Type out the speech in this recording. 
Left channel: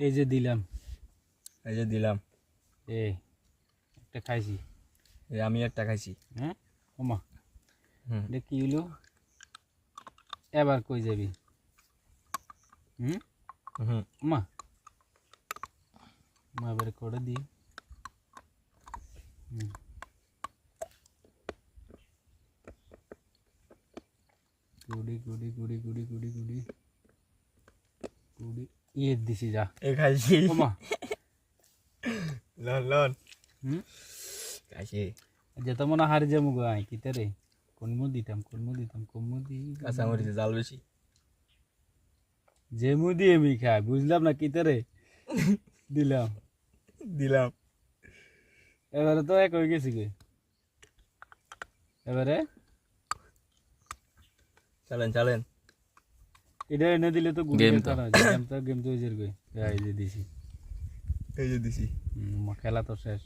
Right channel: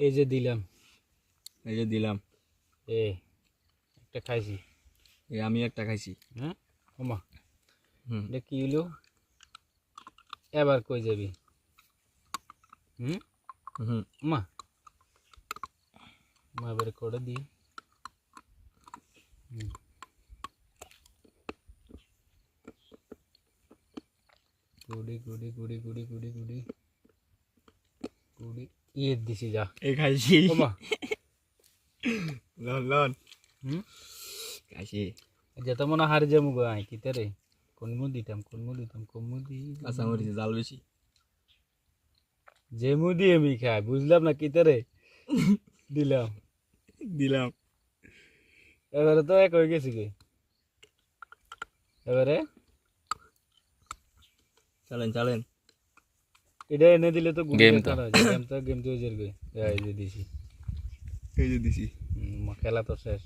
এই যে দিলাম এ একটা খাইছি এই আমি একটা খাইছি হ্যাঁ ওমা হুম এটা কি হলো এবার কই যাবি হুম ওমা মা এবার করে দি গুড়ি গুড়ি গুড়ি গুড়ি গুড়ি গুড়ি গুড়ি ইয়ে দিছি যা এই খাইছি ওমা লন খাইছি যেতে মনে হারি যাবো গো আই কিতে রে কোন মু দিতাম কাঁচামরিচে জাল বেশি যে মুদি আমি খাই বুঝলাম না কিতে রে দিলাম এবারে তো এক হয়ে গেছি গে এবারে চালেন এটা এনে দিলে তো গেম তো গেম তো জের গে এই যে দিছি এই যে দিছি খেলা তো শেষ